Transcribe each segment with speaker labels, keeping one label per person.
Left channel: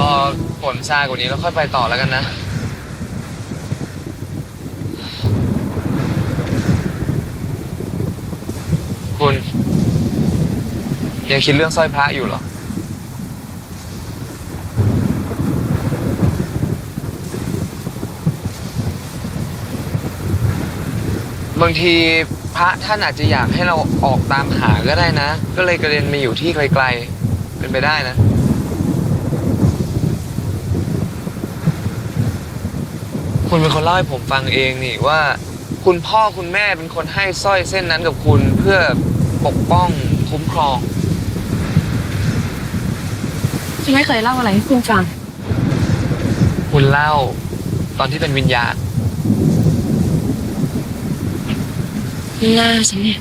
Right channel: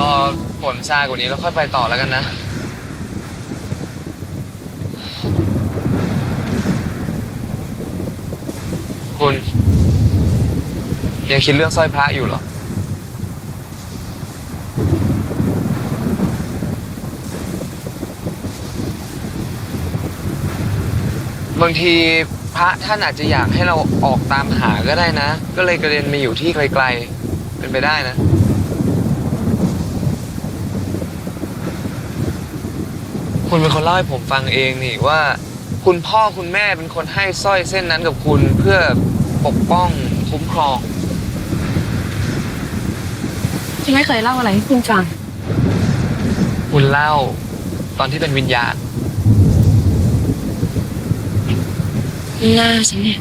Speaker 1: รอฝนซากว่านี้แล้วค่อยไปต่อแล้วกันนะ คุณ ยังคิดเรื่องสร้อยพระอยู่เหรอ บางทีพระท่านอาจจะอยากให้เราออกตามหาก็ได้นะ ก็เลยกระเด็นมาอยู่ที่ไกลๆ เป็นไปได้นะ คุณเป็นคนเล่าให้ผมฟังเองนี่ว่า คุณพ่อคุณแม่เป็นคนให้สร้อยเส้นนั้นกับคุณเพื่อปกป้องคุ้มครอง
Speaker 2: ฉันไม่เคยเล่าอะไรให้คุณฟัง
Speaker 1: คุณเล่า ตอนที่เป็นวิญญาณ
Speaker 2: หน้าฉันเนี่ย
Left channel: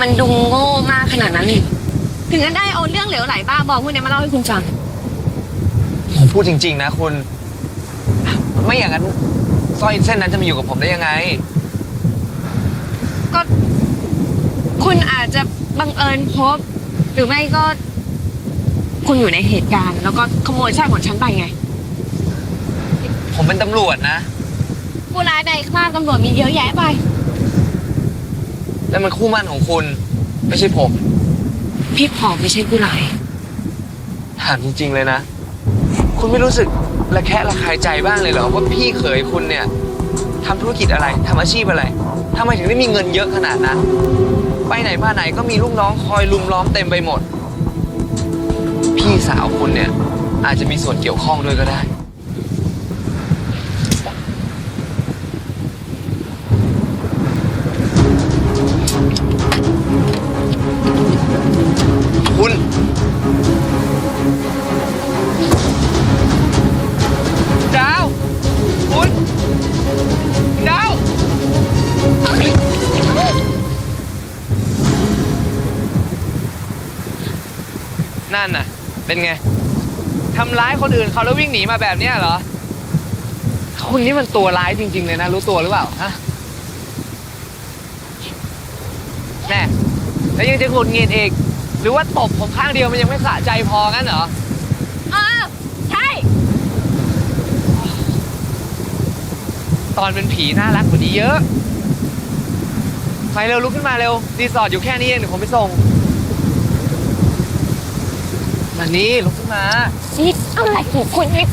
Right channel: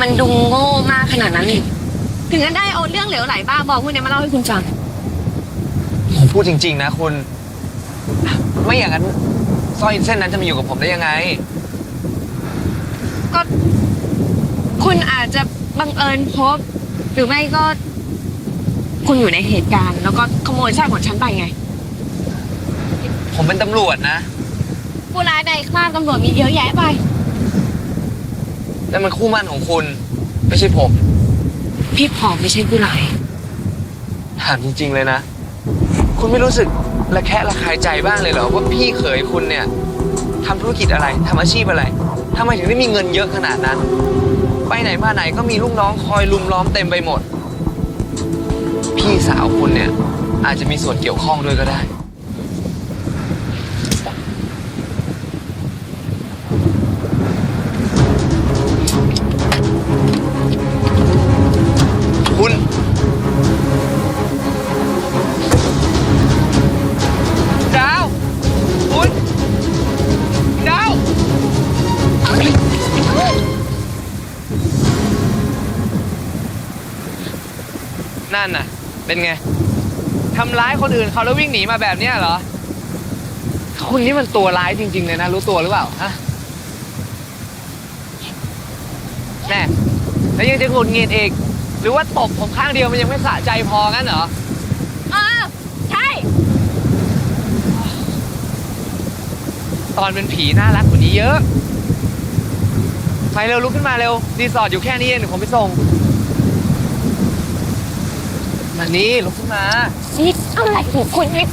Speaker 2: มันดูโง่มากขนาดนั้นเลยถึงจะได้เอาเรื่องเหลวไหลบ้าบอพวกเนี้ยมาเล่าให้คุณฟัง
Speaker 1: ผมพูดจริง ๆ นะคุณ ไม่อย่างนั้นสร้อยเส้นนั้นจะมาอยู่กับผมได้ยังไง
Speaker 2: ก็ คุณอาจจะบังเอิญพบ หรือไม่ก็ คุณอยู่ในเหตุการณ์ แล้วก็ขโมยสร้อยของฉันไปไง
Speaker 1: ผมเป็นตำรวจนะ
Speaker 2: ผู้ร้ายในคราบตำรวจมีเยอะแยะไป
Speaker 1: แล้วมันคู่มั่นของคุณ ไม่ใช่ผม
Speaker 2: พี่ผอมไม่ใช่ผู้ร้าย
Speaker 1: ถามจริงๆเลยนะ คุณไม่รู้สึกระแคะระคายใจบ้างเลยเหรอว่าพี่เขยคุณเนี่ยทำธุรกิจอะไรทำอาชีพอะไรทำไมถึงได้มีเงินเยอะขนาดนั้น ไปไหนมาไหนก็มีลูกน้องคอยลุมล้อมเต็มไปหมด พี่สาวคุณเนี่ยอาจจะมีส่วนเกี่ยวข้องด้วยก็ได้ นั่นน่ะ เป็นไงทำร้ายคนอื่นเขาแล้ววิ่งหนีมาแบบเนี้ยเหรอคุณนี่มันตัวร้ายจริง ๆ เลยนะ รู้ตัวหรือเปล่าฮะแม่แล้วยังจะหงุดหงิดอีกหรือว่าตบผมข้างเดียวมันยังไม่สะใจพองั้นเหรอ
Speaker 2: เออใช่
Speaker 1: ตอนเป็นผีน่ารักกว่านี้เยอะไปเร็วลุกขึ้นมาเร็วรีสอร์ทอยู่แค่นี้เองเดี๋ยวผมไปส่ง มานี่ลุกขึ้นมา
Speaker 2: นี่อะไรของคุณนี่